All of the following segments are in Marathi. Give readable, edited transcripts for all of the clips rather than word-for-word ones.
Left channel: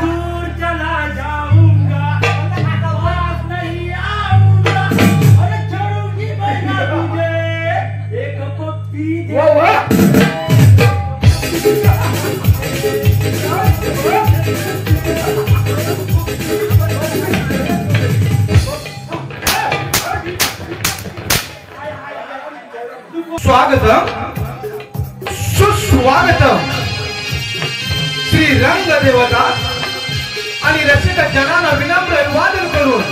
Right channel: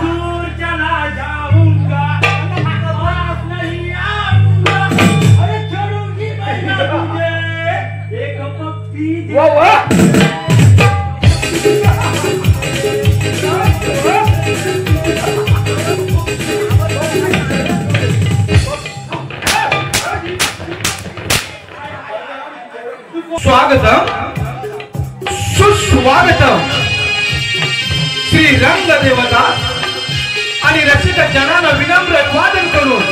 दूर चला जाऊंगा वापस नहीं आऊंगा अरे छोड़ूंगी मैं ना तुझे एक पप्पी दे स्वागतम सुस्वागतम श्री रंग देवता आणि रसिक जनांना विनम्र अभिवादन करून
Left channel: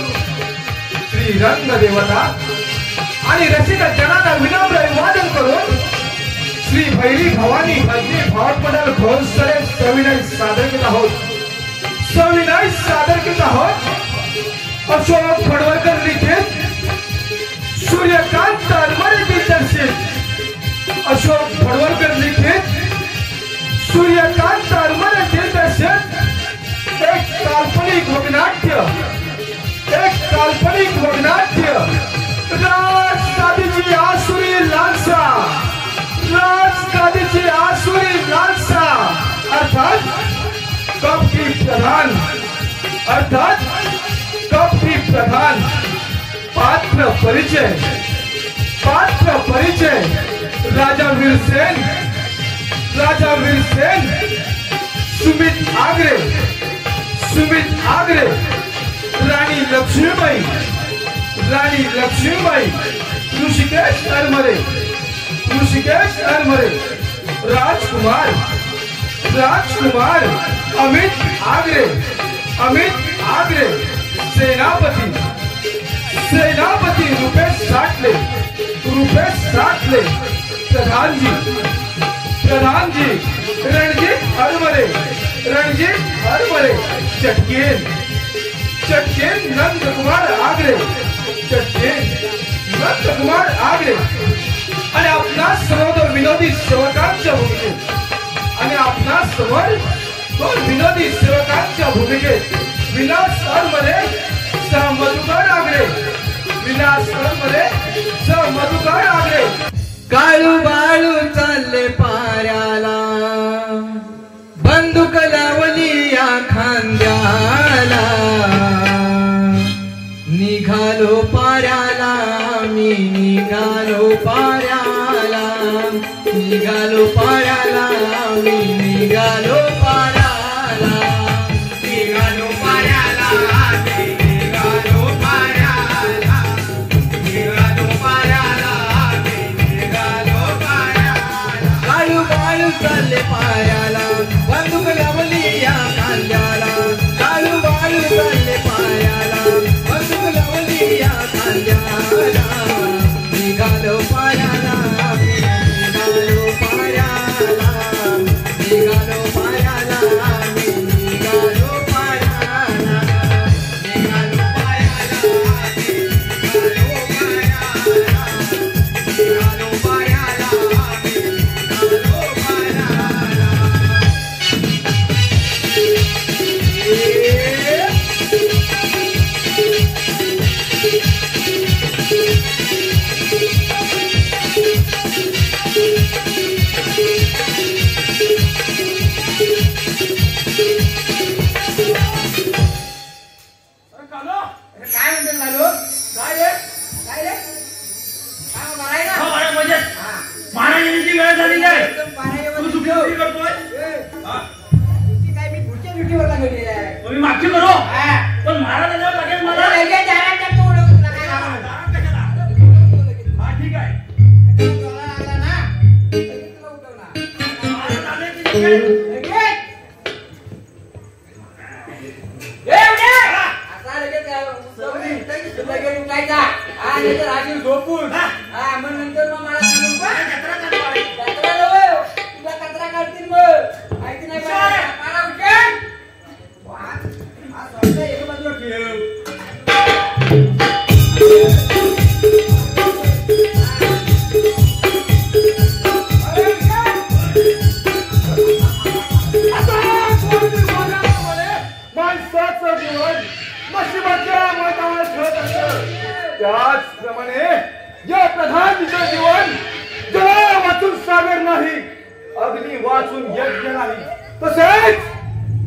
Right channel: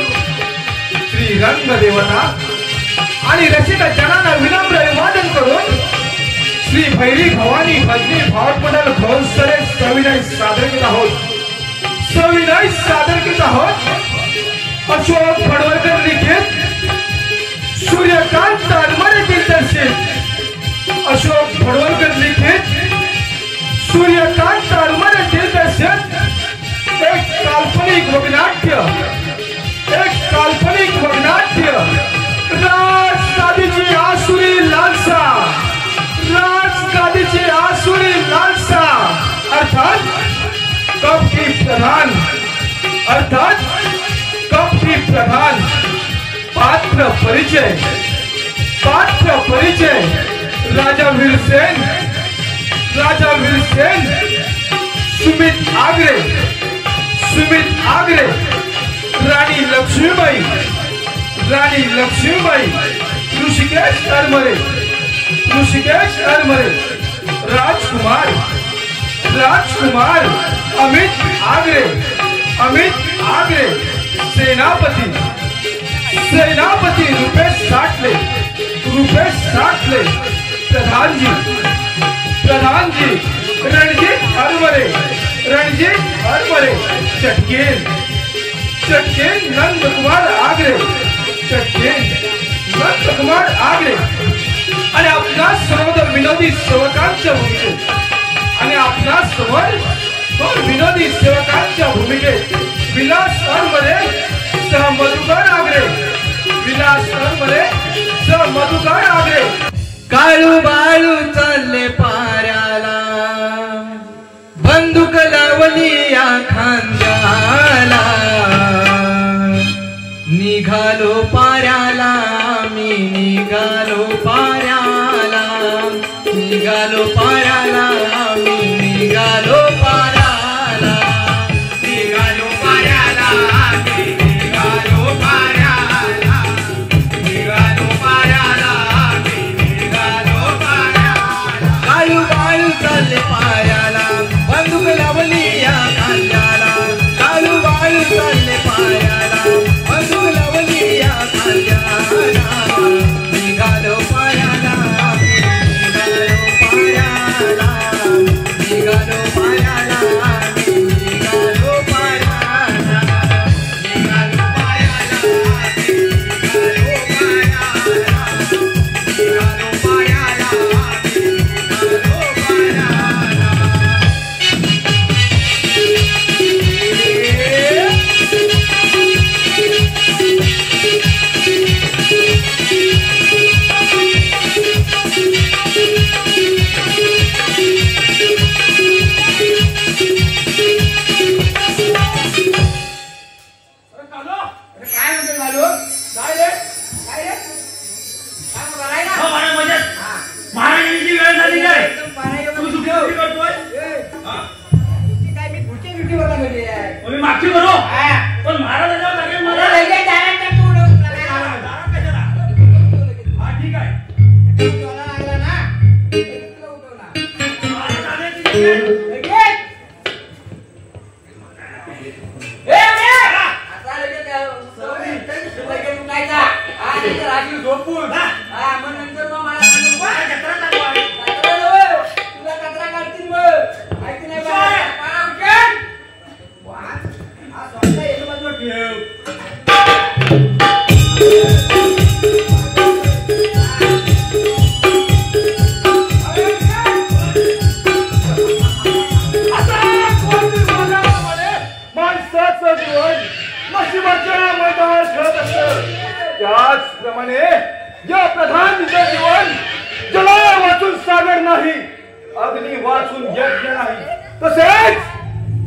श्री रंग देवता आणि रसिक जनांना विनम्र अभिवादन करून श्री भैरी भवानी भजनी भावपडल भोसरे सविनय सादर करीत आहोत अशोक फडवळकर लिखित सूर्यकांत अनमरे दिग्दर्शित अशोक फडवळकर लिखित सूर्यकांत अनमरे दिग्दर्शित एक काल्पनिक वगनाट्य राजगादीची आसुरी लालसा अर्थात कपटी प्रधान पात्र परिचय राजा वीरसेन सुमित आगरे राणी लक्ष्मीबाई ऋषिकेश अरमरे राजकुमार अमित आगरे सेनापति रुपेश साठले प्रधान जी रणजीत हरमरे चटकेन नंद कुमार आगरे आणि आपल्या सर्व विनोदी सेवकांच्या भूमिकेत विलास अरमरे सह मधुकर आगरे काळू बाळू चालले पाऱ्याला बंदूक लावली या खांद्याला निघालो पाऱ्याला मी निघालो पाऱ्याला मी निघालो पाऱ्याला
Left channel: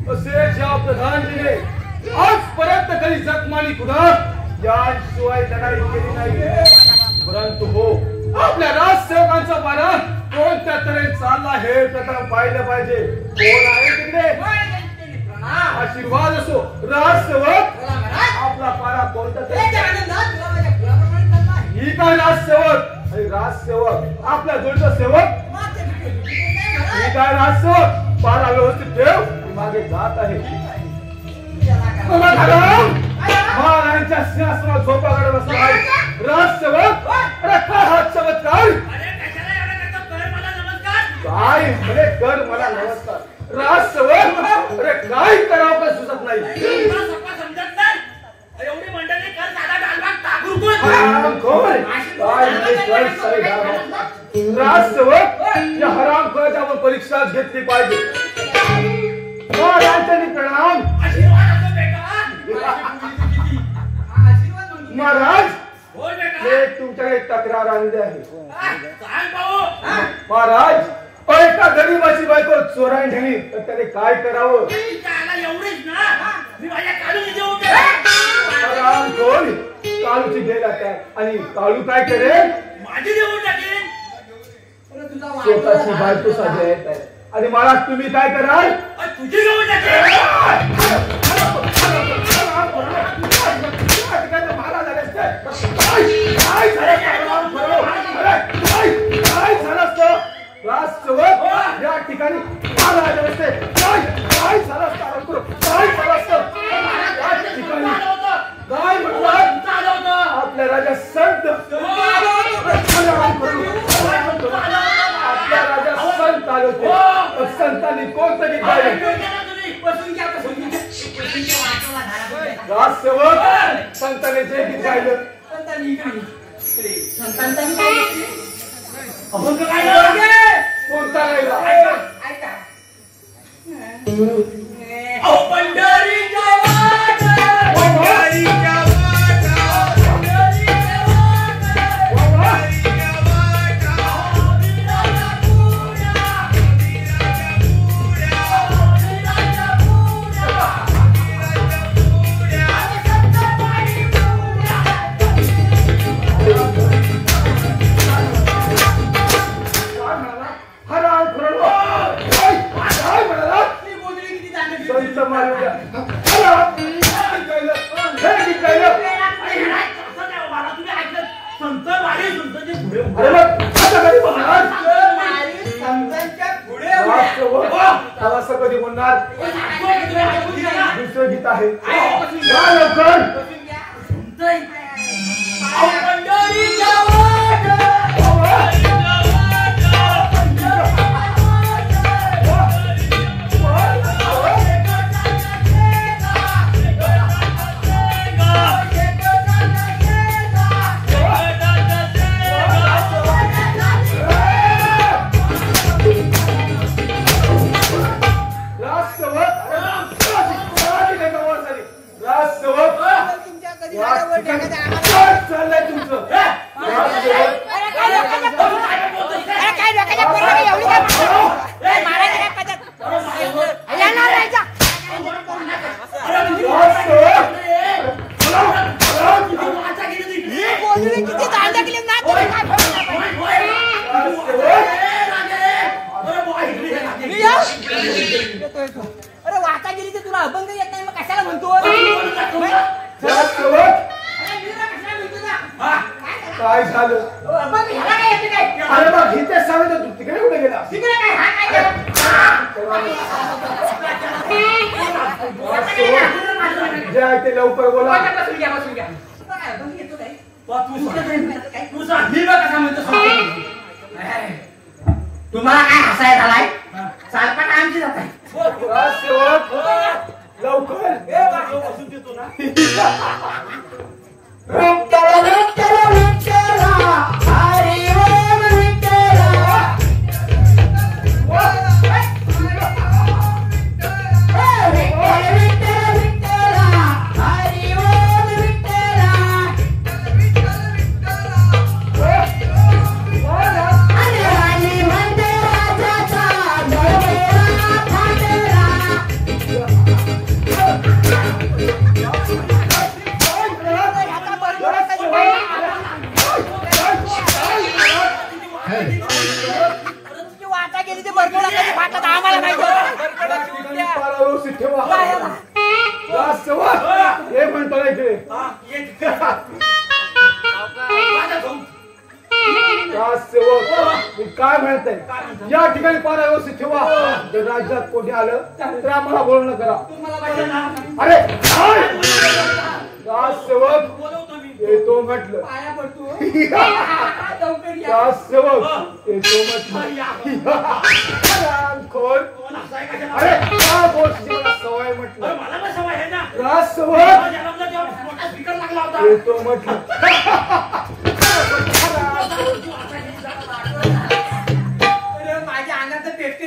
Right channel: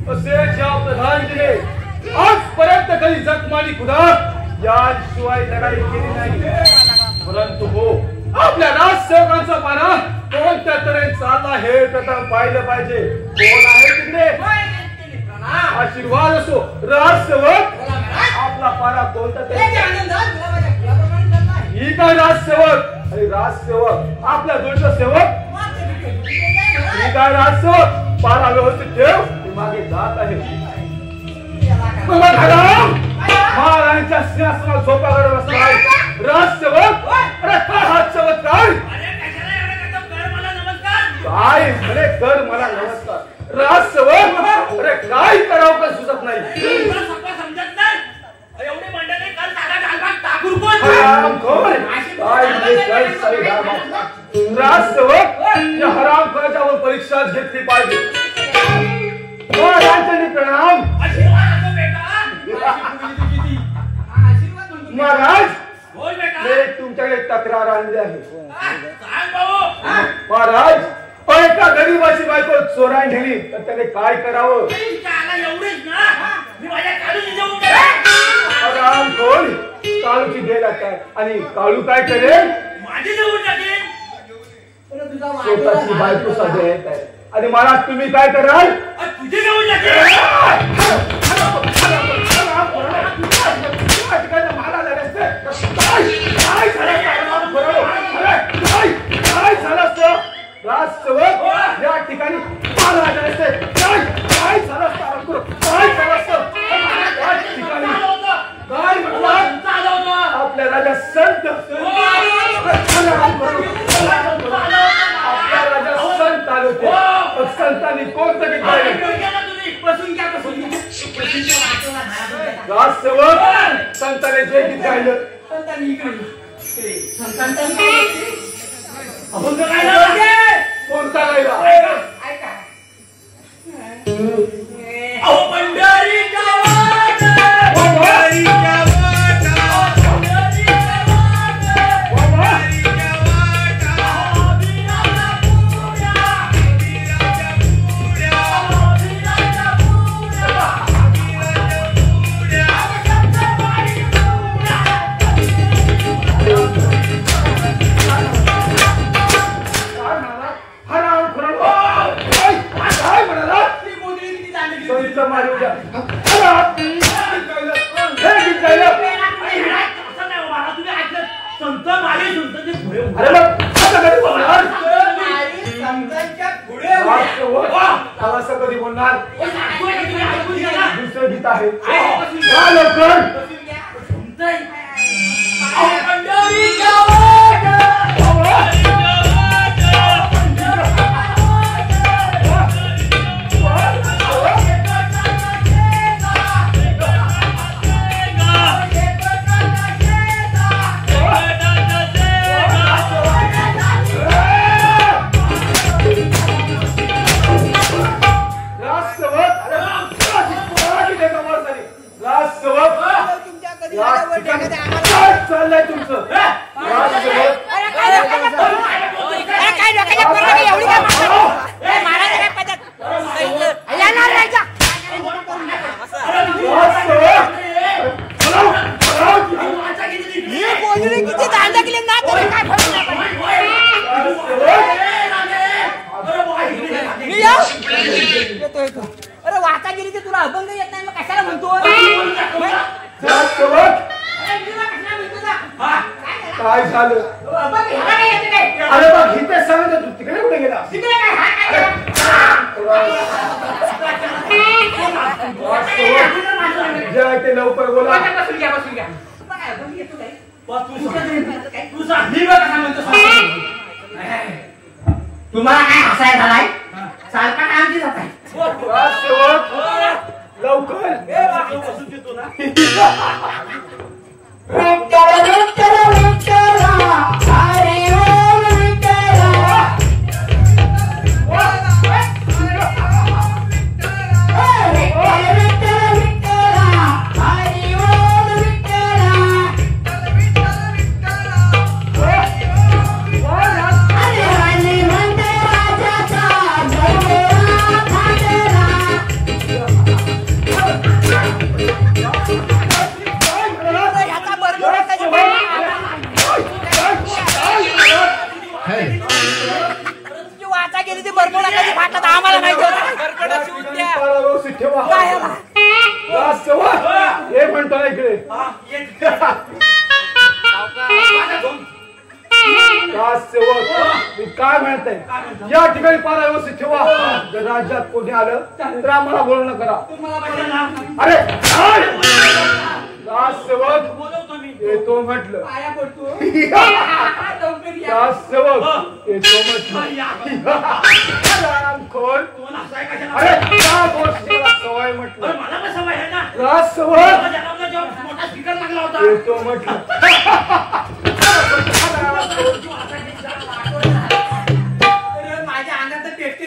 तसेच या प्रधानजीने आजपर्यंत कधी जखमानी कुणा याशिवाय लढाई केली नाही. परंतु हो, आपल्या राजसेवकांचा पाना कोणत्या तऱ्हेने चालला हे प्रथम पाहिलं पाहिजे. कोण आहे तिकडे? आशीर्वाद असो. राजसेवक आपला पाना कोणता ही काय राजसेवक? राजसेवक आपला जोडचा सेवक ही काय राजसेवक? पाना व्यवस्थित ठेव, मागे जात आहे. महाराजांच्या सिंहासनावर झोपाकडे बसला आहे राजसेवक. अरे काय हा चमत्कार? काय म्हणे कर मला नमस्कार. राजसेवक अरे काय करावं का सुचत नाही. राजसेवक या हराम खर्चावर परीक्षा घेतली पाहिजे. प्रणाम. महाराज तुमच्याकडे तक्रार आणली आहे. महाराज एका गरीबाची बायको चोरान ठेवली तर त्याने काय करावं? काळूची गेला काय आणि काळू काय करेल? माझी देऊन टाकेल. स्वतःची बायको साधे आणि मला तुम्ही काय कराल? तुझी देऊन टाकेल. राजसेवक या ठिकाणी काय झालं आपल्या राजा संत आले होते. संतांनी कोणतं राजसेवक संतांनी जे गीत गायलं कोणता गायला? कधी बोलणार? दुसरे गीत आहे अरे वाटागिरीचे तुला अभंग येत नाही मग कशाला म्हणतो? काय झालं? अरे बा गीते सांगत तू तिकडे कुठे गेला? जे आहे ते लवकर बोला. तुम्हाला काय हसाय झालाय? सारखा आमची जात आहे लवकर आता आम्हाला माहिती होतं. या ठिकाणी पारा व्यवस्थित ठेवा. राजसेवक, एक मिनिट इकडे. राजसेवक, मी काय म्हणते, या ठिकाणी पारा व्यवस्थित ठेवा. जर राज्यात कोणी आलं तर आम्हाला बोलणं करा. अरे राजसेवक येतो म्हटलं. राजसेवक येतो म्हटलं. कोण? अरे त्या गोष्टीला सवय म्हटलं. राजसेवक येतो म्हटलं. माझ्या अंगात टेस्टी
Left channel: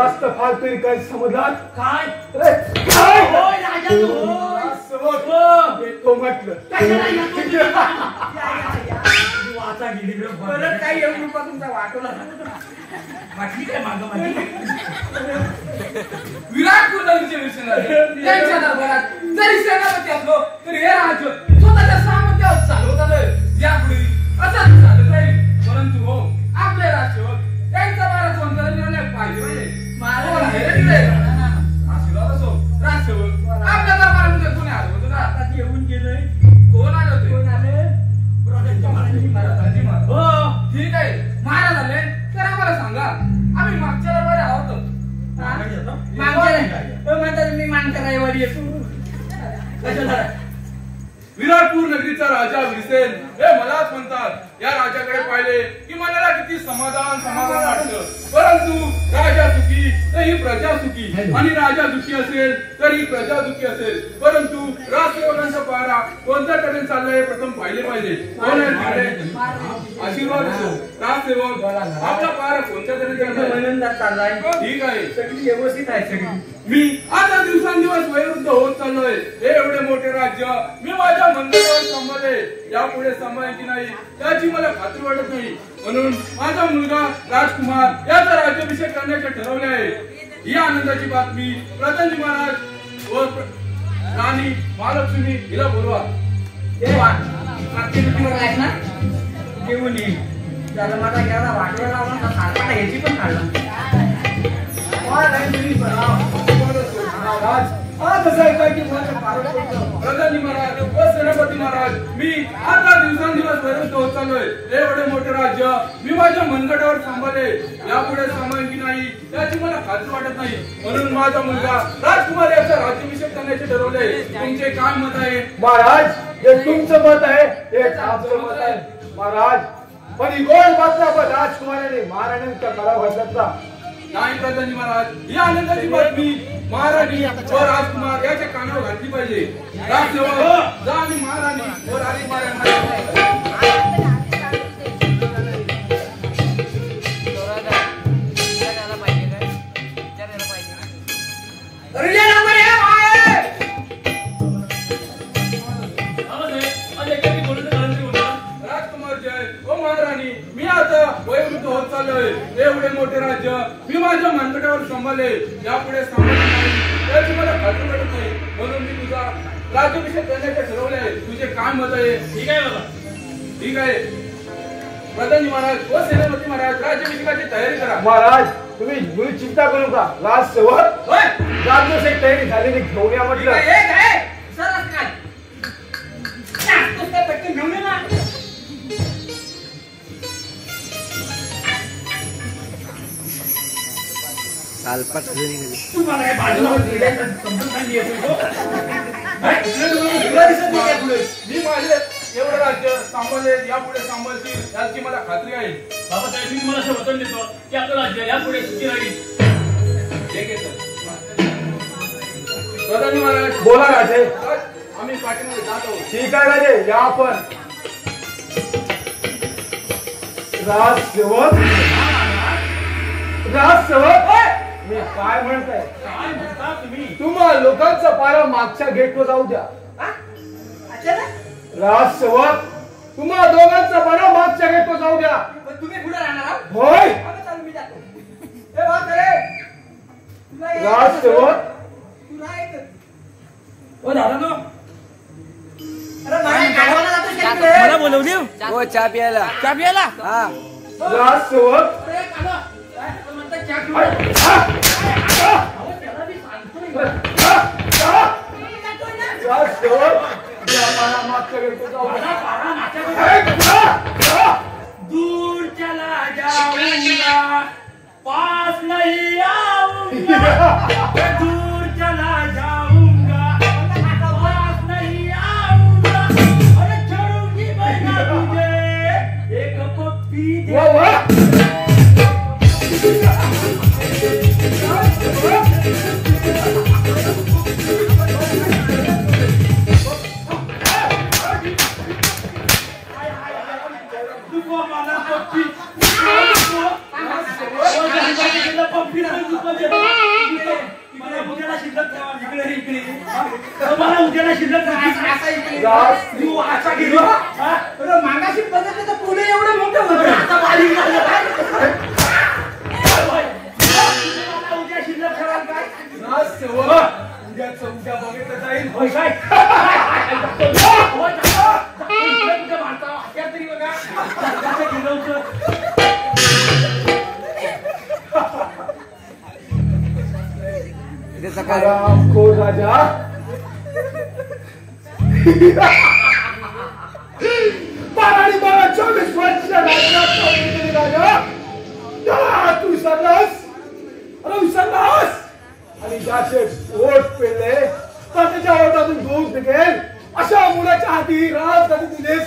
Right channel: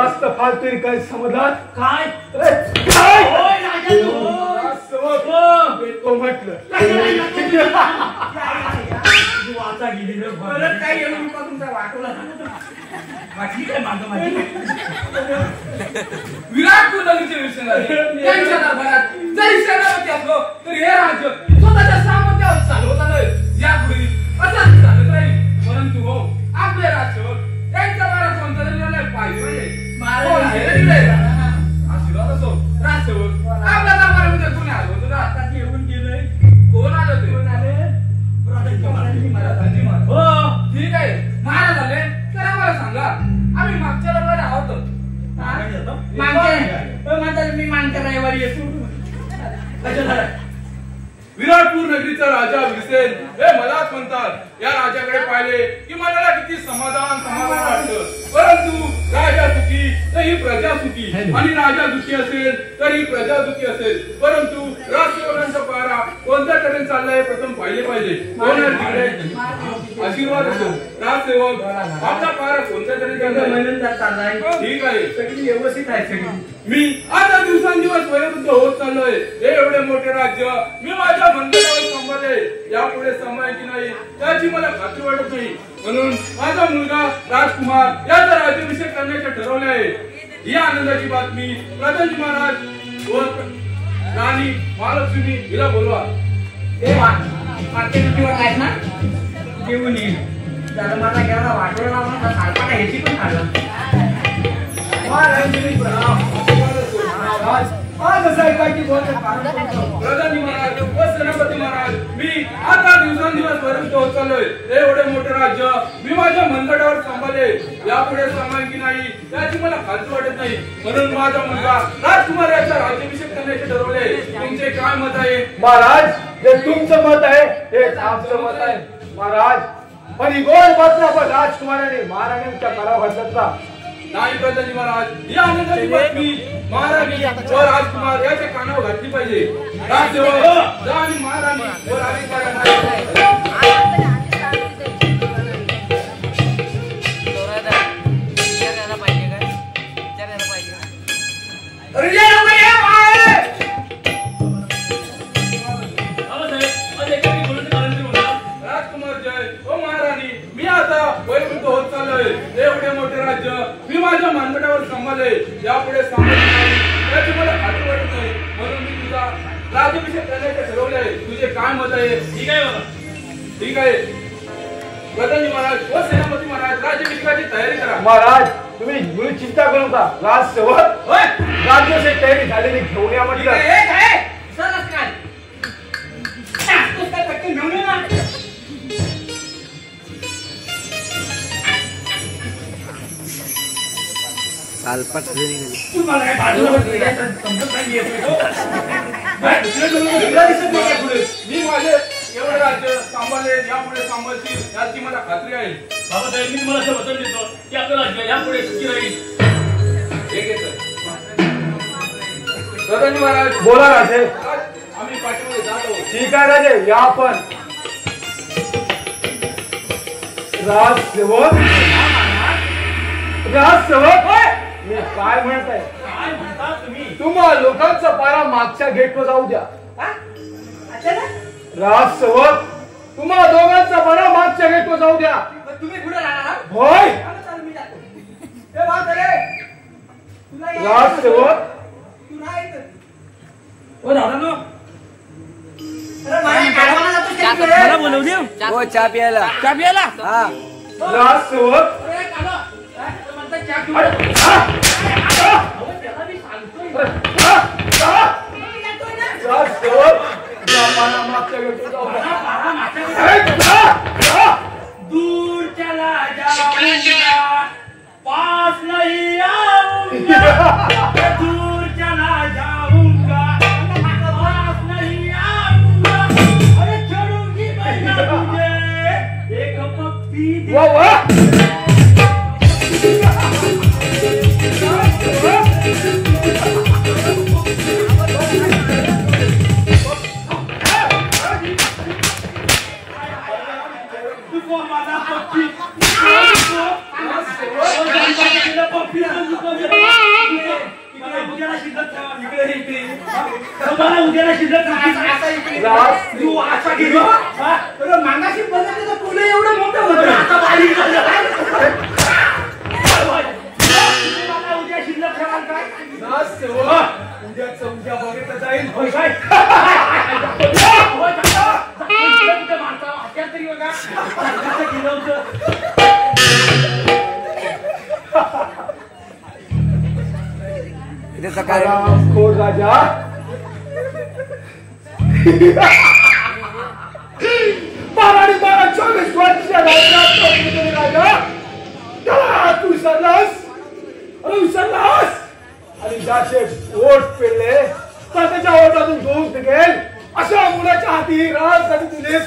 जास्त फालतू काय समजलात काय येतो म्हटलं. काही येऊ नका तुमचा वाटोला वाटली काय मागं माझी विराट कुलकर्णीचे विषय त्यांच्या दरबारात जरी सेनापती असलो तरी हे राज्य स्वतःच्या सामर्थ्यावर चालवत आलंय. यापूर्वी असंच झालं नाही. परंतु हो आपले राज्य त्यांचा मारा कोणता निर्णय पाहिजे आशीर्वाद असो. राजसेवक आपल्या दरबारामध्ये कोणी आलं होतं का? आता येऊन गेलंय. कोण आलं ते? कोण आले? महाराजांनी महाराज. हो ठीक आहे महाराज आले तर आम्हाला सांगा. आम्ही मागच्या दरबार आहोत. मी मानकर रविवारी येतो. विराटपूर नगरीचा राजा विरसेन हे मलाच म्हणतात. या राजाकडे पाहिले की मला किती समाधान वाटतं. परंतु राजा सुखी तर ही प्रजा सुखी आणि राजा दुखी असेल तर ही प्रजा दुखी असेल. परंतु राजसेवकांचा पारा कोणत्या तऱ्हेने चाललाय प्रथम पाहिले पाहिजे. कोण आहे तिकडे? आशीर्वाद असो. राजसेवक आपला पारा कोणत्या तऱ्हेने चाललाय? ठीक आहे सगळी व्यवस्थित आहे. सगळी मी आता दिवसांदिवस वयोवृद्ध होत चाललोय. हे एवढे मोठे राज्य मी माझ्या मंदिरावर सांभाळले. यापुढे सांभाळेल की नाही त्याची मला खात्री वाटत नाही. म्हणून माझा मुलगा राजकुमार याचा राज्याभिषेक करण्याचे ठरवले आहे. ही आनंदाची बातमी प्रधानजी महाराज व राणी महालक्ष्मी हिला बोलवा. आहेत ना जेवून येईल. त्याला माझा एवढा वाटोळा लावून सारखा ह्याची पण काढला. प्रधानजी महाराज व सेनापती महाराज मी आता दिवसांदिवस वरिष्ठ होत चाललोय. हे एवढे मोठे राज्य मी माझ्या मनगटावर सांभाळले. यापुढे सांभाळेल की नाही त्याची मला खात्री वाटत नाही. म्हणून माझा मुलगा राजकुमार याचा राज्याभिषेक करण्याचे ठरवले. तुमचे काय मत आहे? महाराज जे तुमचं मत आहे हे आमचं मत आहे. महाराज पण ही गोड बातमी आपण राजकुमाराने महाराणींच्या काळा बदलला नाही प्रधानजी महाराज. ही आनंदाची बातमी महाराणी व राजकुमार याच्या कानावर घातली पाहिजे. राजसेवक जा आणि महाराणी व राजकुमार यांना एवढे मोठे राज्य मी माझ्या मानगटावर सांभाळले. यापुढे सांभाळले नाही त्याची मला खात्री वाटत नाही. म्हणून मी तुझा राज्याभिषेक करण्याचे ठरवले आहे. तुझे काय मत आहे? ठीक आहे बाबा. ठीक आहे प्रधानजी महाराज व सेनापती महाराज राज्याभिषेकाची तयारी करा. महाराज तुम्ही चिंता करू नका. राजसेवक राज्याभिषेक तयारी झालेली घेऊन या म्हटलं. तू मला काय बाजूला समजत नाही येत हो? मी माझे एवढं राज्य सांभाळले, यापुढे सांभाळतील याची मला खात्री आहे. बाबासाहेब, मी तुम्हाला असं वचन देतो की आपलं राज्य यापुढे सुखी राहील. ठीक आहे सर. सदानी महाराज, बोला राजे. आम्ही पाठीमध्ये जात आहोत. ठीक आहे राजे, या आपण. राजसेवक, मी काय म्हणताय? काय म्हणता तुम्ही? तुम्हा लोकांचा पारा मागच्या गेटवर जाऊ द्या. राजसेवक, तुम्हा दोघांचा पारा मागच्या गेटवर जाऊ द्या. तुम्ही कुठे राहणार? होय मी जातो. राजसेवक. तू नाही ओ दादा नो, मला मला बोलवली हो चहा प्यायला. चहा प्यायला. हा राजसेवक, अरे काका, काय म्हणता चहा पिऊ? त्याला मी सांगतोय. राजसेवक, लोकांना मागच्या गेटवर जाऊ द्या. मला पारा माझ्याकडे. दूर चला जाऊंगा, पास नहीं आऊंगा. दूर चला जाऊंगा, पास नहीं आऊंगा. अरे छोड़ूंगी मैं ना तुझे, एक पप्पी दे. वा वा. तुझको मला पप्पी. मला उद्याला शिल्लक इकडे इकडे मला उद्याला शिल्लक तू असा गेलो. मागाशी बघितलं तर पुढे एवढे मोठे होते. आता बारीक झालं. मला उद्या शिल्लक कराल काय? राजसेवक, उद्याचं उद्या बघितलं जाईल. होय काय? हत्यार तरी बघा गेलं होतं. इथे सकाळी कोण राजा? बारा 24 वर्ष राज्यात प्रतिनिधी राजा. तू सर्रास, सर्रास. आणि ज्याचे पोट पेरले त्याच्या ओठातून दूध निघेल अशा मुलाच्या हाती राजधानी दिलीस.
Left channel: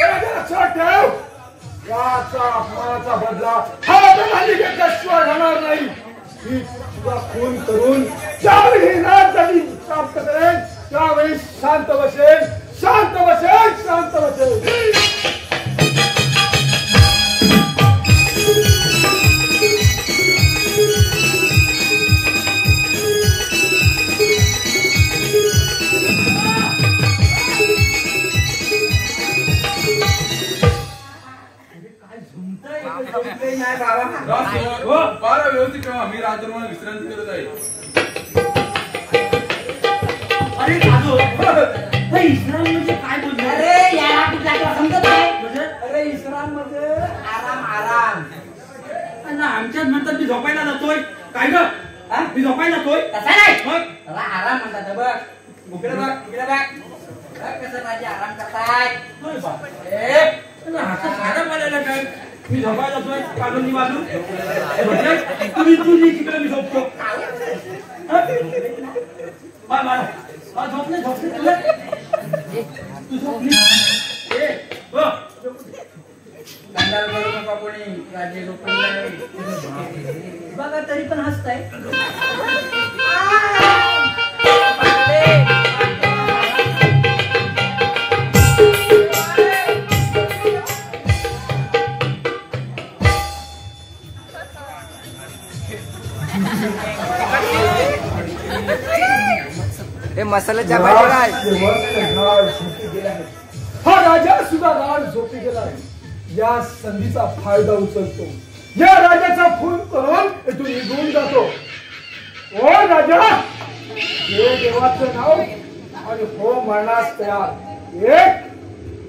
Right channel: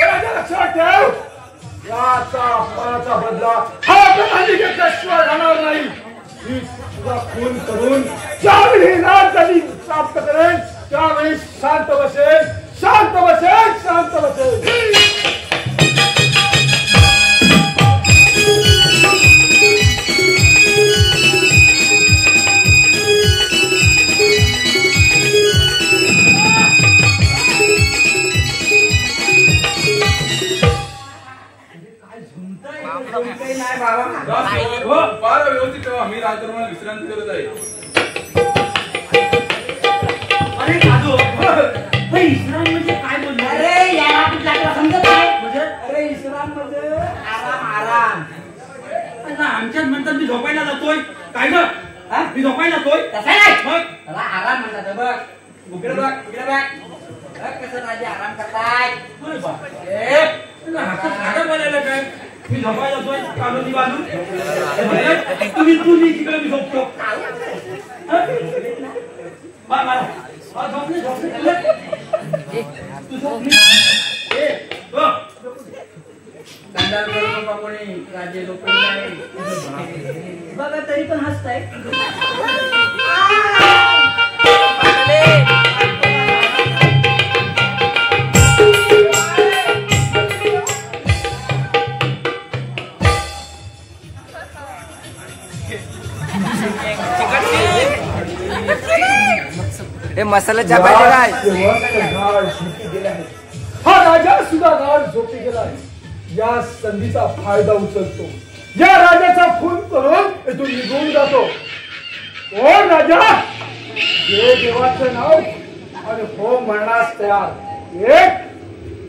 राजा लक्षात ठेव, याचा फळाचा बदला हा कधी घेतल्याशिवाय राहणार नाही. ही तुला खून करून ज्यावेळी राजधानी प्राप्त करेल त्यावेळी शांत बसेल, शांत बसेल, शांत बसेल. नाही बाबा. राजसेवक, फार व्यवस्थित ठेवा. मी रात्रभर विश्रांती करत आहे. अरे काजो, हे इस्लाम म्हणजे काय बोलले? अरे या आपल्याला समजत नाही. म्हणजे अरे इस्लाम म्हणजे आराम आराम. ना आमच्यात म्हणतात मी झोपायला जातोय. काय ग? मी झोपायला जातोय. तसं नाही. मग त्याला आराम म्हणतात. बघ इकडे बघ, इकडे बघ. बघ कसं राजे आराम करतायत. अरे बाप. ए, हातात साधं बोलायला काय? मी झोपायला जातोय काढून बाजू. तुम्ही तू तिकडे मी झोपतो. झोपले झोपले तू झोपली. दंडाल करू नका कोणी. राजे लोक बघा तरी पण हसताय. हे मसाल्याच्या पाहिजे हा राजा सुद्धा गाड झोपी गेलाय. या संधीचा फायदा उचलतो. या राजाचा खून करून इथून निघून जातो. ओ राजा, हे देवाचं नाव आणि होम म्हणण्यास तयार. 1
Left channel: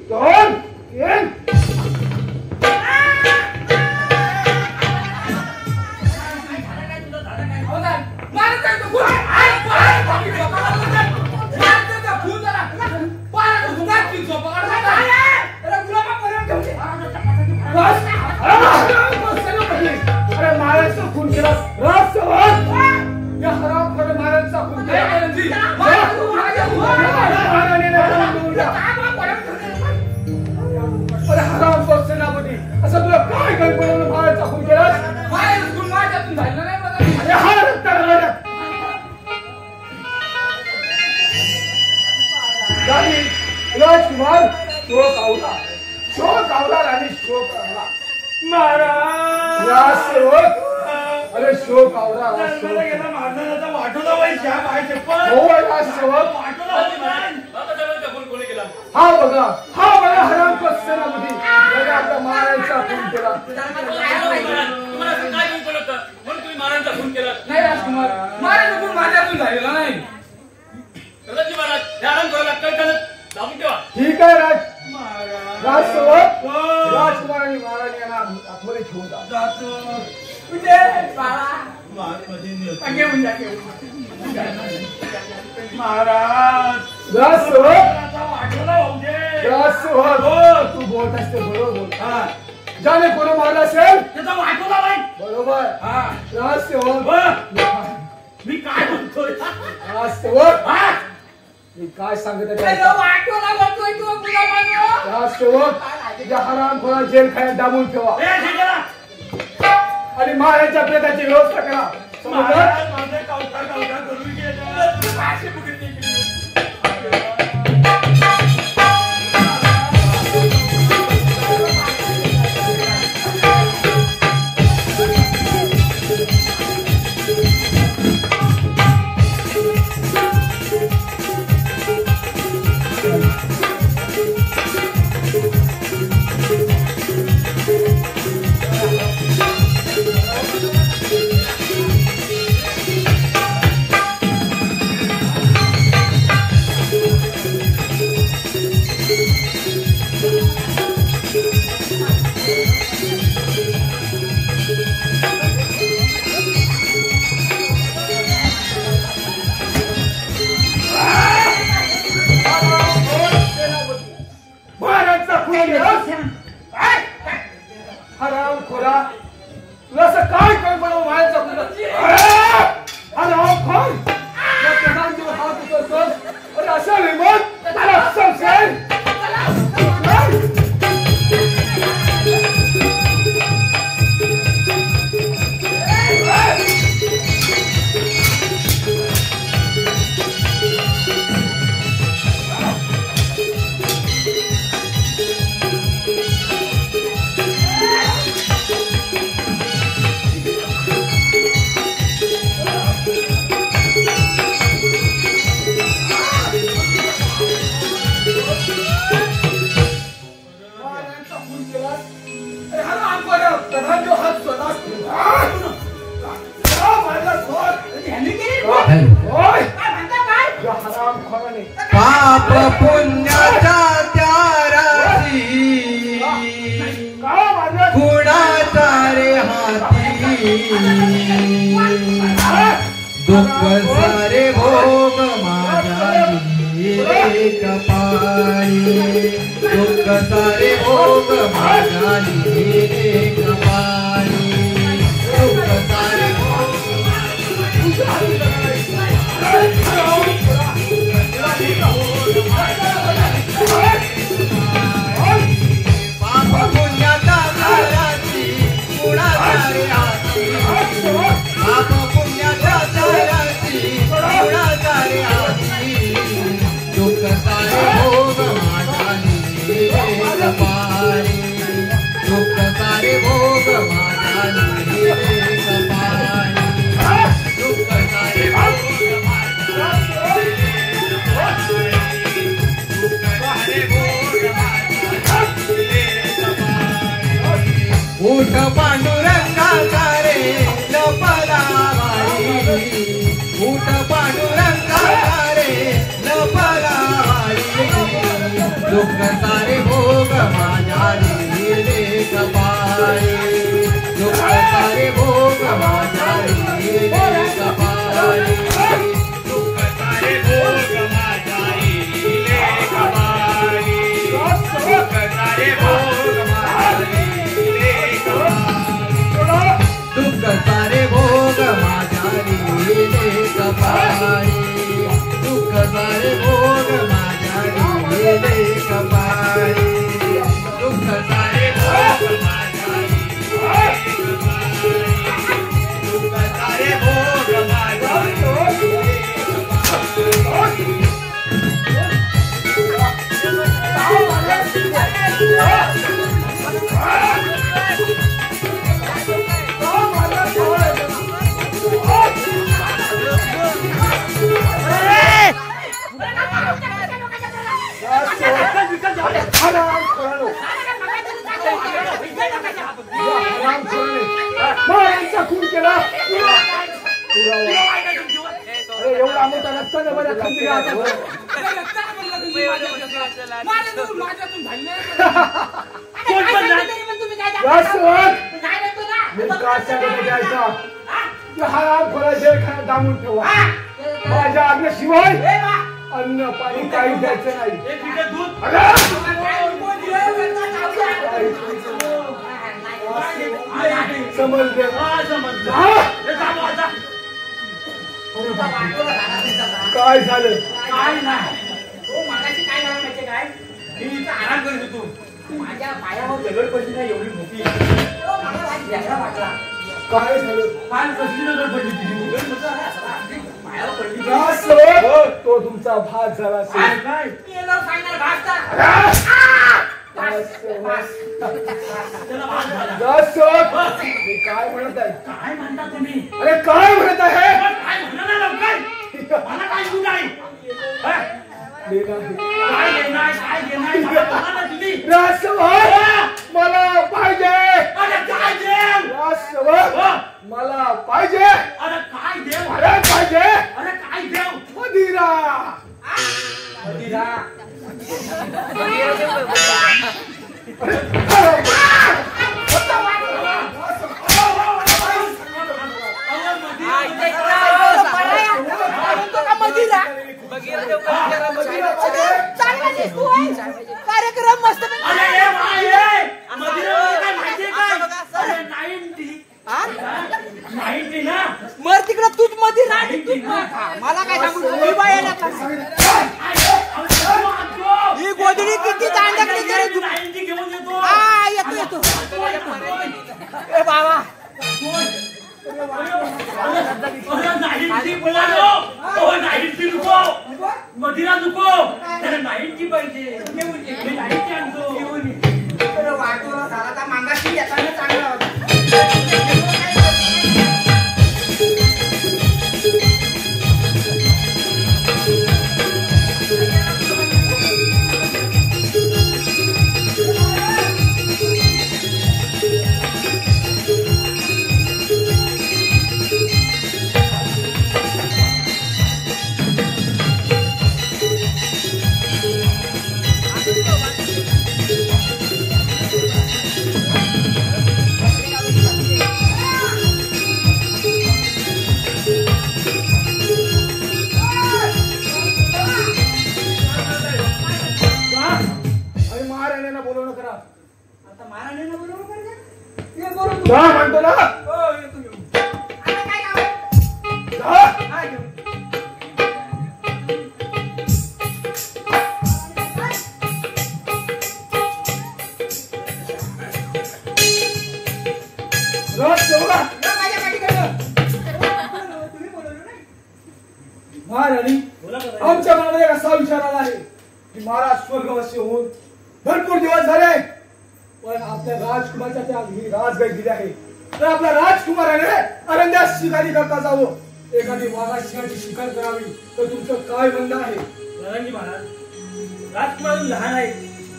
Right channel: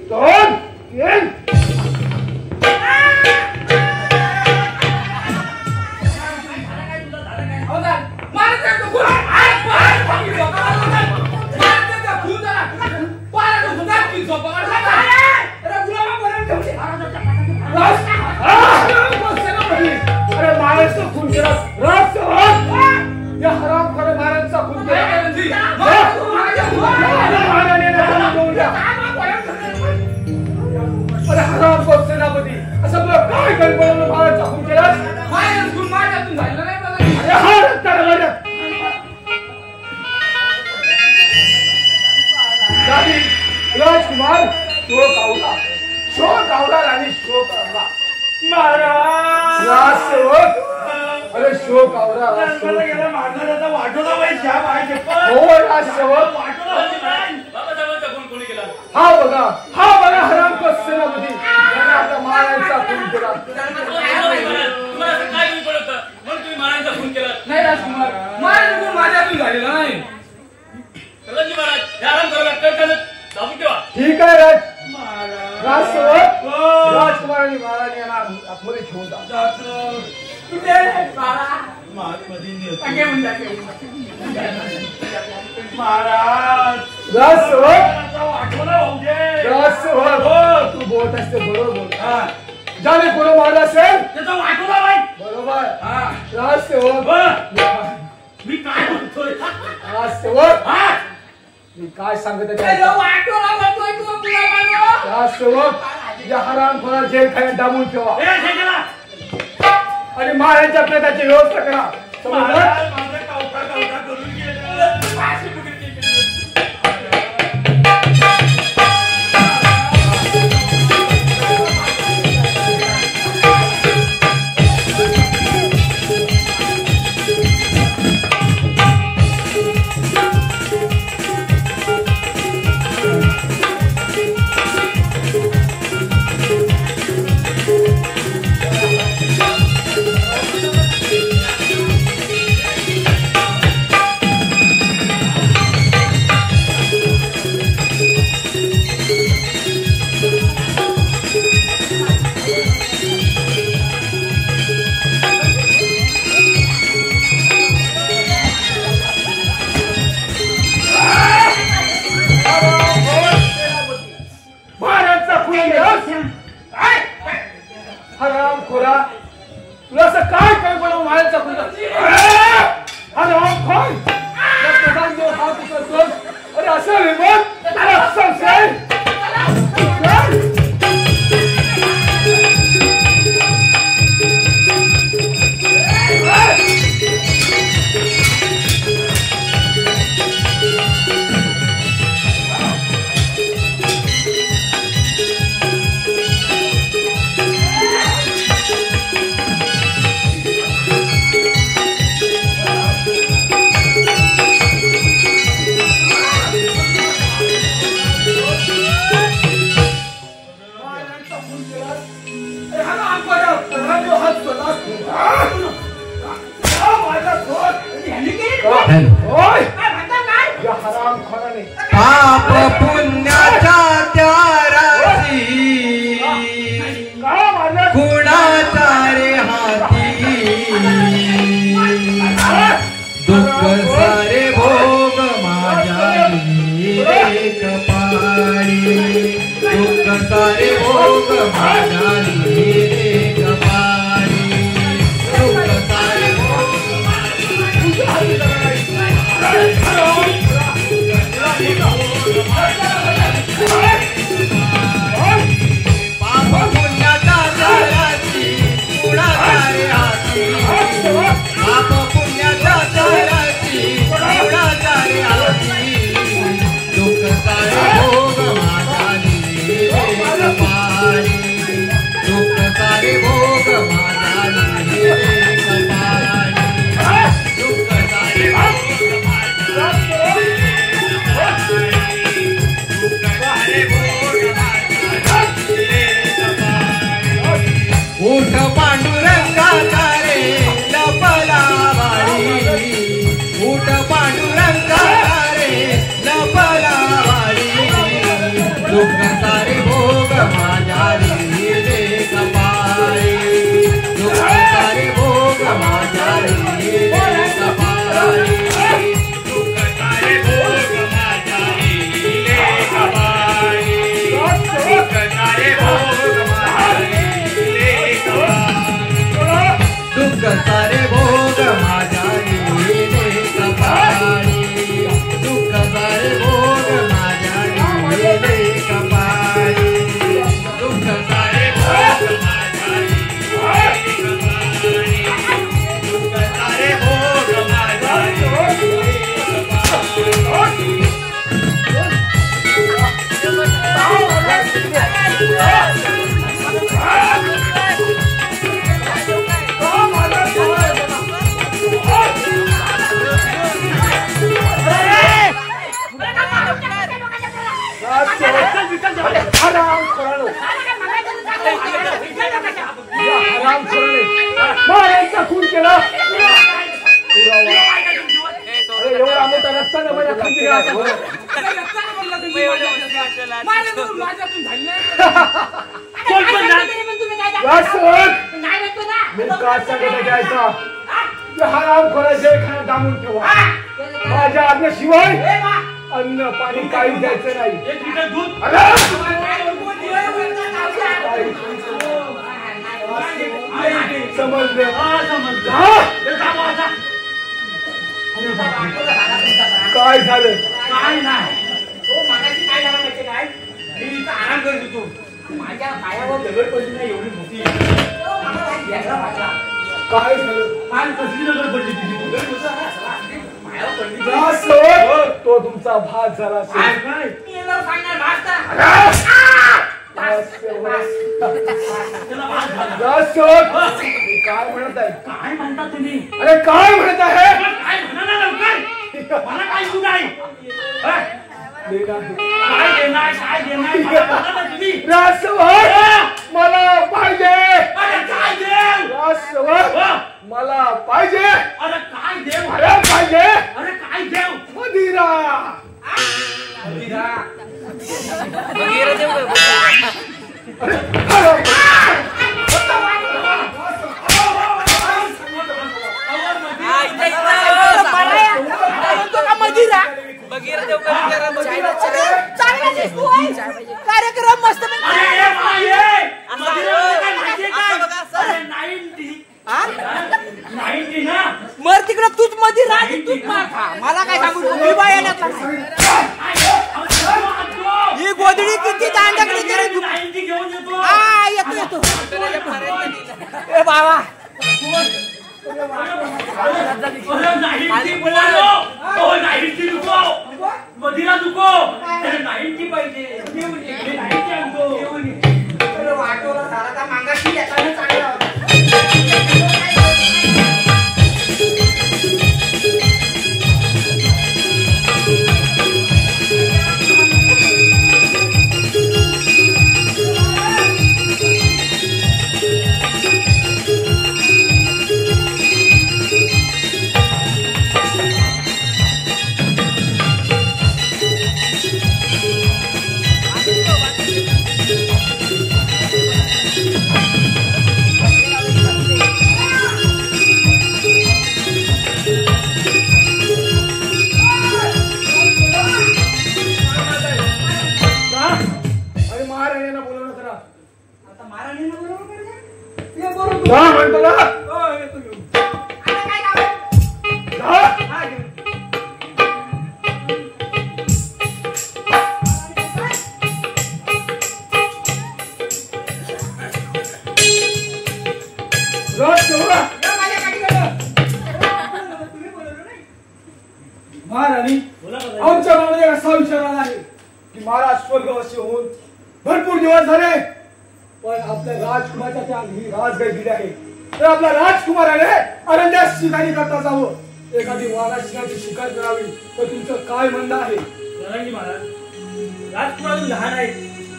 2 3. अरे महाराष्ट्र खून केला. राजसेवक, शोक आवरा. महाराज या सेवक अरे शोक आवरा. जन्माला गेला मारणाऱ्याचा वाटोला बाई श्या बाई चप्पल. हो या सेवक वाटोला होती बाई. बाबासाहेबांचा फोन कोणी केला? हा बघा हरामखोर सेनापती याने आता महाराजांचा खून केला. तुम्हाला असं काय तुम्ही बोलत म्हणून तुम्ही महाराजांचा फोन केला? नाही राजकुमार, माझ्या चुकून माझ्यातून झालेला नाही. सरदारजी महाराज हे आराम करू लागतात दाबून ठेवा. ठीक आहे राजसेवक हो. राजकुमारांनी महाराज यांना आतमध्ये घेऊन जा. जातो. कुठे बाळा? मध्ये नेतो. घेऊन जा, महाराज राजसेवक आता वाटोला होऊ दे. राजसेवक तू बोलत असते बरोबर. हा. ज्याने कोण मारलं असेल त्याचा वाटोला बाई. बरोबर. हा. राजसेवक मी काय बोलतोय? राजसेवक हा? मी काय सांगत आहे त्याचा वाटोला म्हणतोय तू तुला मानव. राजसेवक या हरामखोराला जेल खाण्यात दाबून ठेवा ए, काय केला? आणि महाराजांच्या प्रेताची व्यवस्था करा. समजलं? महाराज माझं कावटा करून गेलं. पाचशे फुटीत ते केली. हरामखोरा तुला असं काय काय बनवून व्हायचं हात उचलतोस. अरे असं रिमोट त्याला संशय. पाप पुण्याच्या त्याराची कुणाच्या रे हाती दुःख सारे भोग माझ्या रे कपाळी दुःख सारे भोग माझ्या रे कपाळी दुःख सारे उठ पांडुरंगा रे लपलावाळी उठ पांडुरंगा रे लपलावाळी दुःख सारे भोग माझ्या रे कपाळी माझ्यातून झाली नाही. माझ्या आज्ञेशिवाय अन्न पाणी काही द्यायचं नाही. समजले काय झालं? काय नाही हो मागाशी काय झालं माहितीये काय मी इथं आराम करत होतो माझ्या पायावर दगड पडली नाही एवढी मोठी काय झालं? काल कसली नजर पडली तुझी? पायावर पडली तो तुमचा भात झाला असेल. नाही मी याला सांगणार भासता काय म्हणत आहे? काय म्हणता तुम्ही? अरे काय म्हणत आहे? काय म्हणा ना लवकर. मला काय सुरू आहे? काय देणार काय देणार मला ना तुम्ही? मला पाहिजे. अरे काय देव? मला पाहिजे. अरे काय देव? मला पाहिजे. अरे काय देव? मदिरा. कार्यक्रम मस्त अरे मदिरा काय माहितीये काय? अरे 90 ना मर तिकडे तूच मध्ये राहते तूच मला काय सांगू ही गोधडी किती दांडकडी करे 90 घेऊन येतो. हा येतो ए बाबा अरे 90 बोलालो. ओ 90 नको. मदिरा नको. अरे 90 पाहिजे. घेऊन ये. 90 आणतो. घेऊन ये. वाटोला झाला मागाशी येताना चांगला होता. महाराणी आमच्या मनामध्ये असा विचार आला आहे की महाराज स्वर्गवासी होऊन भरपूर दिवस झाले पण आपल्या राजकुमाराच्या त्या ही राजगाय दिली आहे तर आपल्या राजकुमाराने अरण्यात शिकारी करता जावं एखादी वाघाची शिकार करावी तर तुमचं काय म्हणणं आहे? महाराज राजकुमार लहान आहे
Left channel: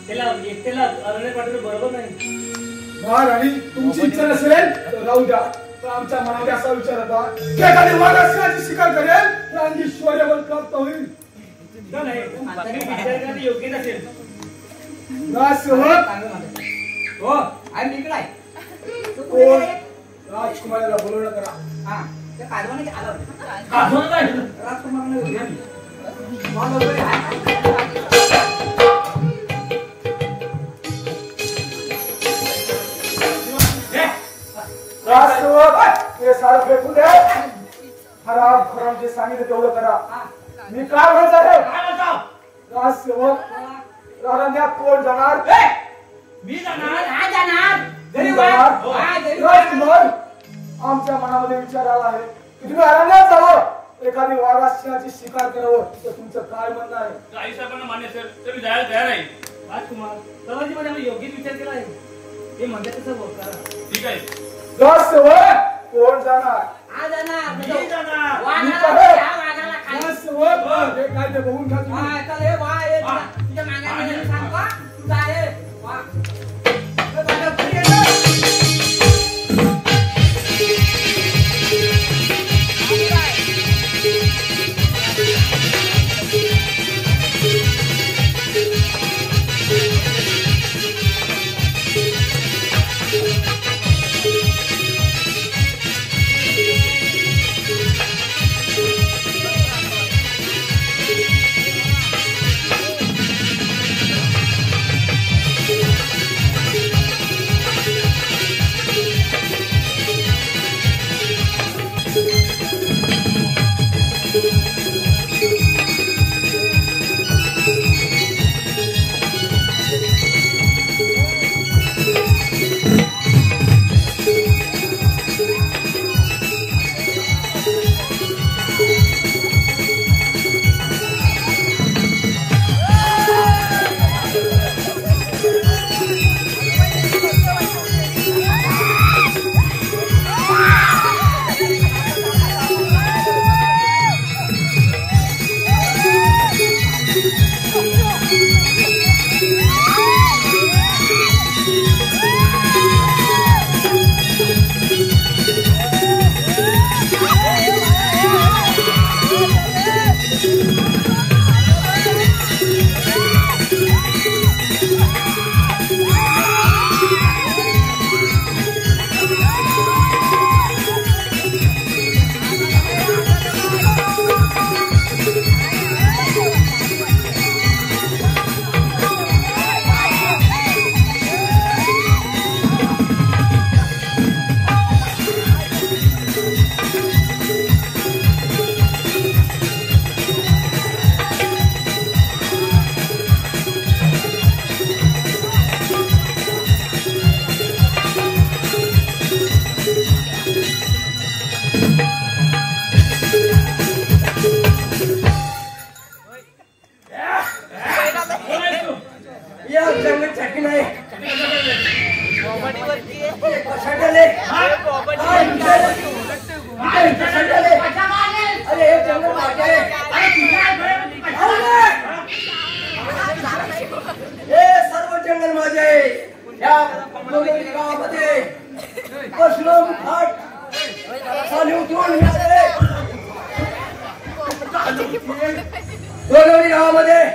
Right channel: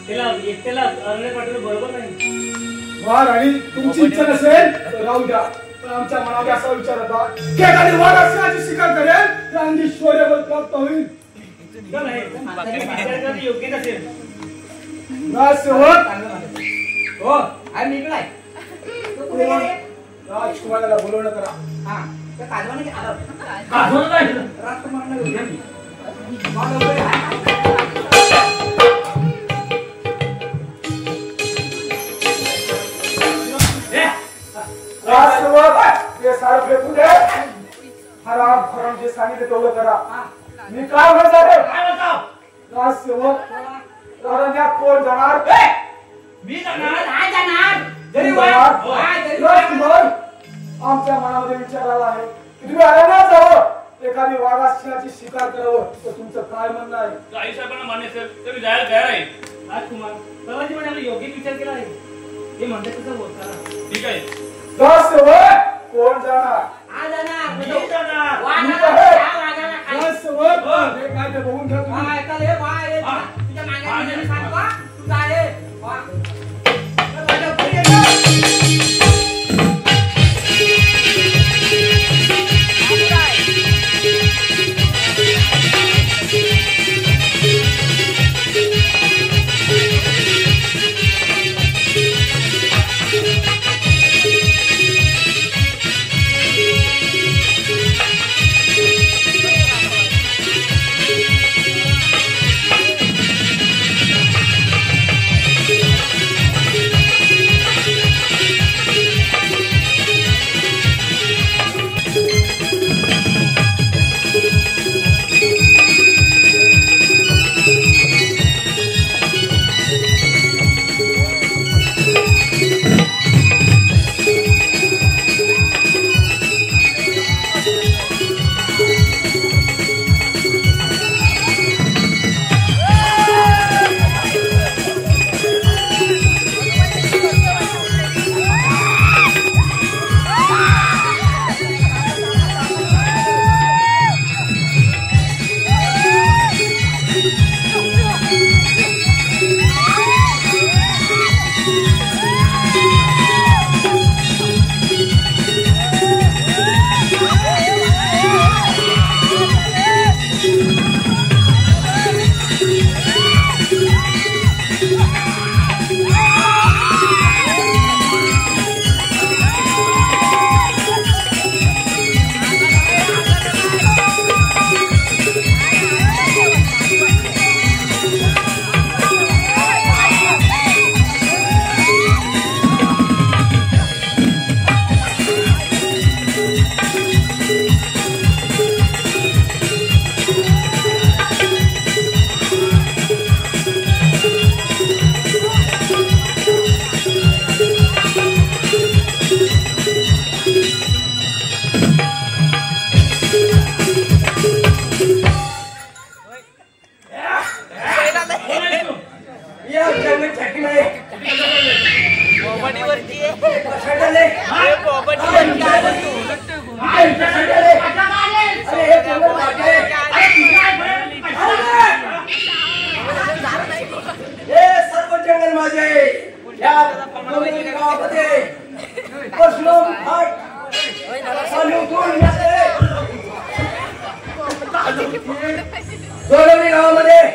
त्याला एकट्याला अरण्य पाठवलं बरोबर नाही. महाराणी तुमची इच्छा नसेल तर राहू द्या पण आमच्या मनामध्ये असा विचार होता की एखादी वाघाची शिकार करेल तर अंगी शौर्यबल प्राप्त होईल. योग्य नसेल. हो आहे मी इकडे राजकुमाराला बोलवणं करा. हा त्या काजवाने आलं काढून काय राजकुमारांना घेऊन या ते सारं फेकून दे. हराम खराम जे सांगितलं तेवढं करा. मी काय म्हणतो राजसेवक अरण्यात कोण जाणार? मी जाणार. काय जाणार घरी राजकुमार आमच्या मनामध्ये विचार आला आहे की तुम्ही अरण्यात जावं एखादी वाघाची शिकार करावं तर तुमचं काय म्हणणं आहे? आई साहेबांना मान्य असेल तर मी जायला तयार आहे. राजकुमार सरांची मध्ये योग्य विचार केला आहे हे म्हणतात तसं होत करा. ठीक आहे. राजसेवक कोण जाणार? हा जाणार मी जाणार. वाघाला खाली राजसेवक हे काय ते बघून घ्या तुम्ही. हा चल हे बा हे तुझ्या मागे सांगतो तू जा रे वा माझ्या घरी येतो.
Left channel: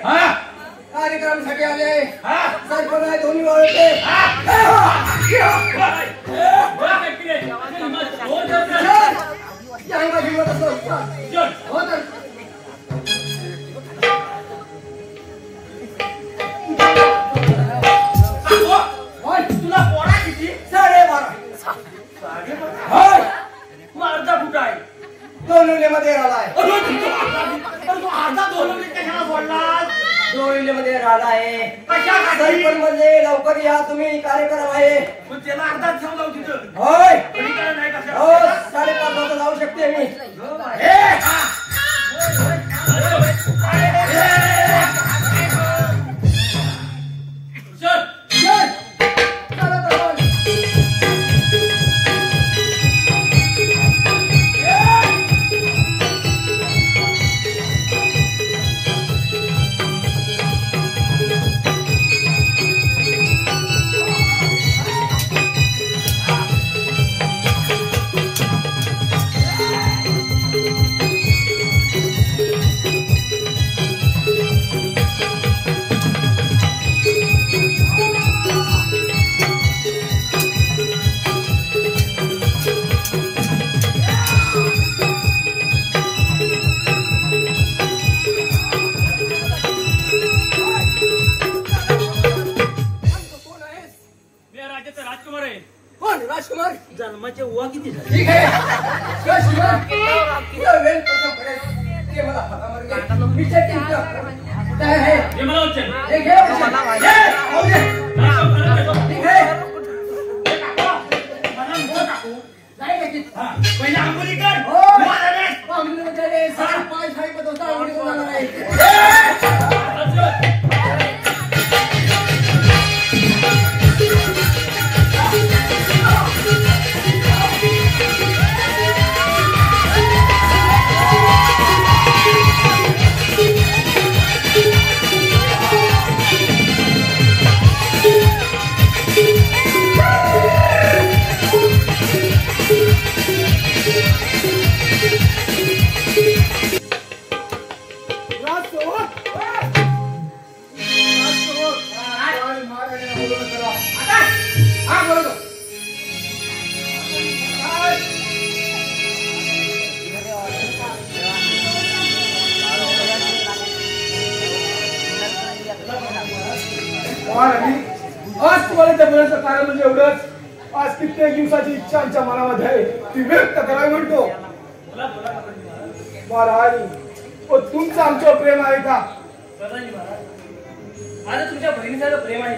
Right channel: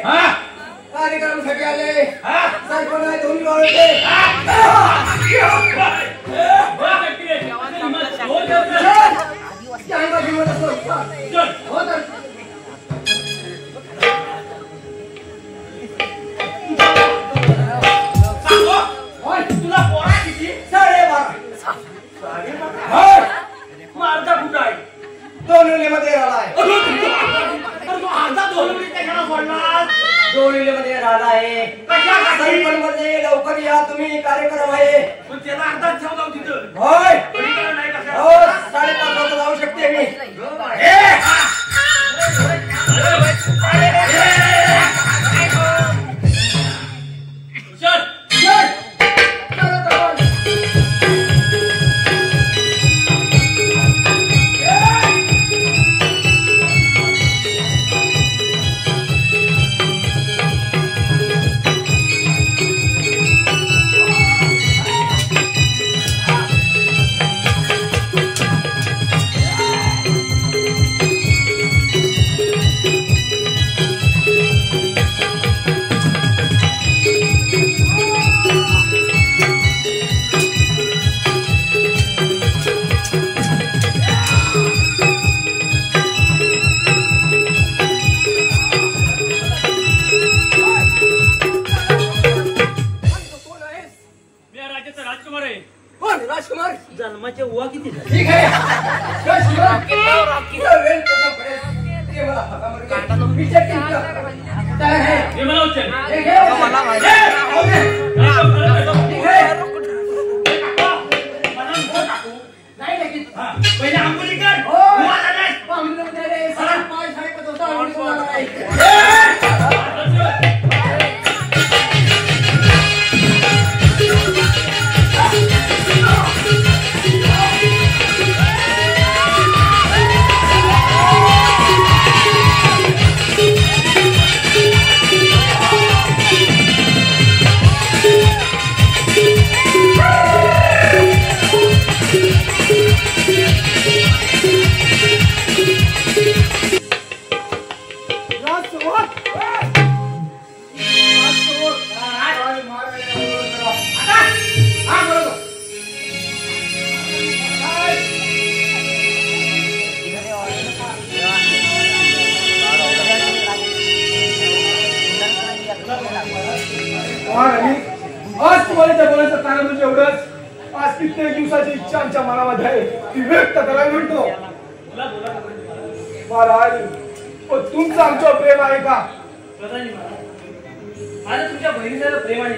हा कार्यक्रमासाठी आले हा सरपंच आहे दोन्ही वाळते अंगा जीवन असं तुला पोरा किती 12:30 अर्धा कुठं आहे दोनविलेमध्ये राहिलाय तू अर्धा 2 मिनिटं घरा बोलला दोनविलेमध्ये राहिलाय कशासाठी सरपंच मध्ये लवकर या तुम्ही कार्यक्रम आहे पण त्याला अर्धा ठेव जाऊ तिथं होय पलीकडे नाही हो कशा 5:30 वाजता जाऊ शकते मी राजकुमार आहे कोण राजकुमार जन्माचे उवा किती झाले ठीक आहे राजकुमार किती वेळ कसं पडेल ते मला हातावर घे विचार केला काय आहे हे मला उच्च हे घे हो दे ठीक आहे नाही लगेच पहिले आंघोळी कर हो पाहुण्यामध्ये रे पाय साहेब दोस्ता आवडी कोण जाणार आहे आज तुम्हाला त्या बोलायचं कारण म्हणजे एवढंच आज कित्येक दिवसाची इच्छा आमच्या मनामध्ये आहे ती व्यक्त करायला म्हणतो महाराज पण तुमचं आमच्यावर प्रेम आहे का आता तुमच्या बहिणीचं प्रेम आहे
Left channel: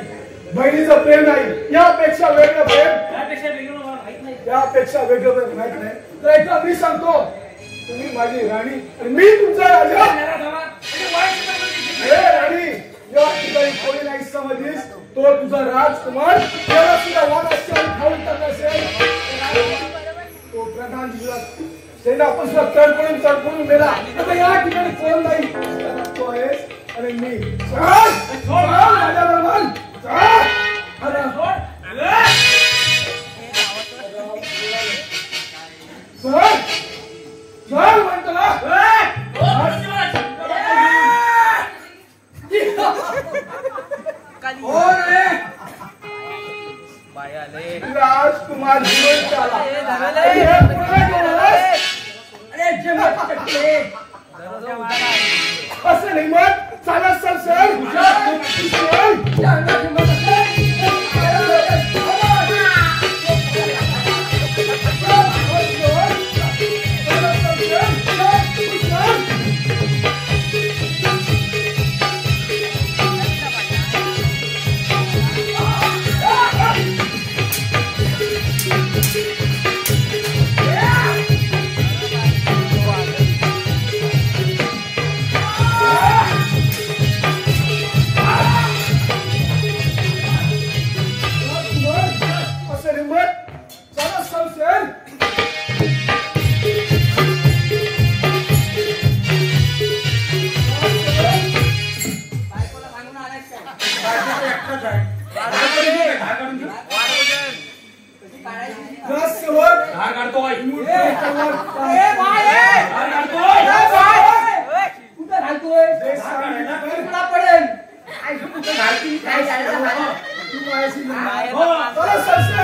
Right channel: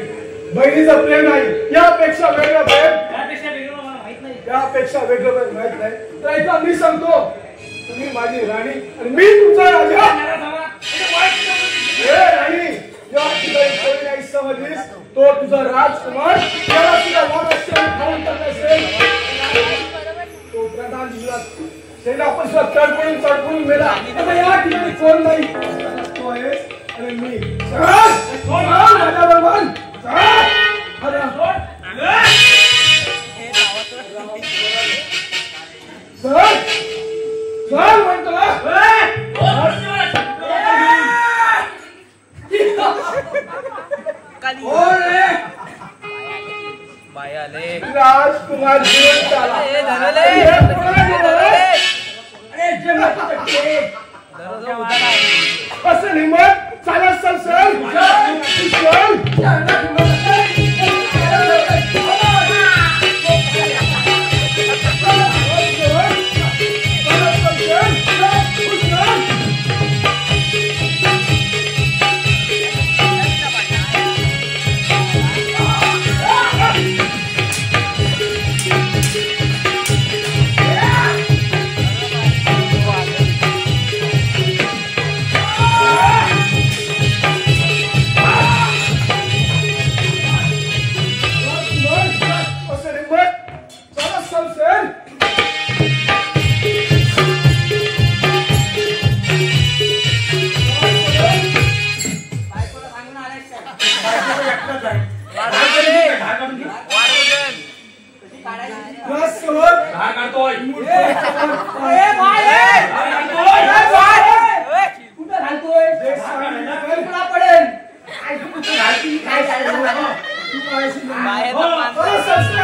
बहिणीचं प्रेम नाही यापेक्षा वेगळं प्रेम त्यापेक्षा वेगळं मला माहित नाही यापेक्षा वेगळं प्रेम माहित नाही तर ऐका मी सांगतो तुम्ही माझी राणी आणि मी तुमचा राजा हे राणी या ठिकाणी कोणी नाही समजलीस तो तुझा राजकुमार त्याला सुद्धा वादाशी खाऊन टाकत असेल तो प्रधान सेना आपण सुद्धा तडफडून मेला आता या ठिकाणी कोण नाही तो आहेस आणि मी राजा बलवान चल म्हणतो ना राजकुमार असं निमत चालत सर घालतोय तुला पडेल काय तू घालती काय तू माझ्याशी संस्कार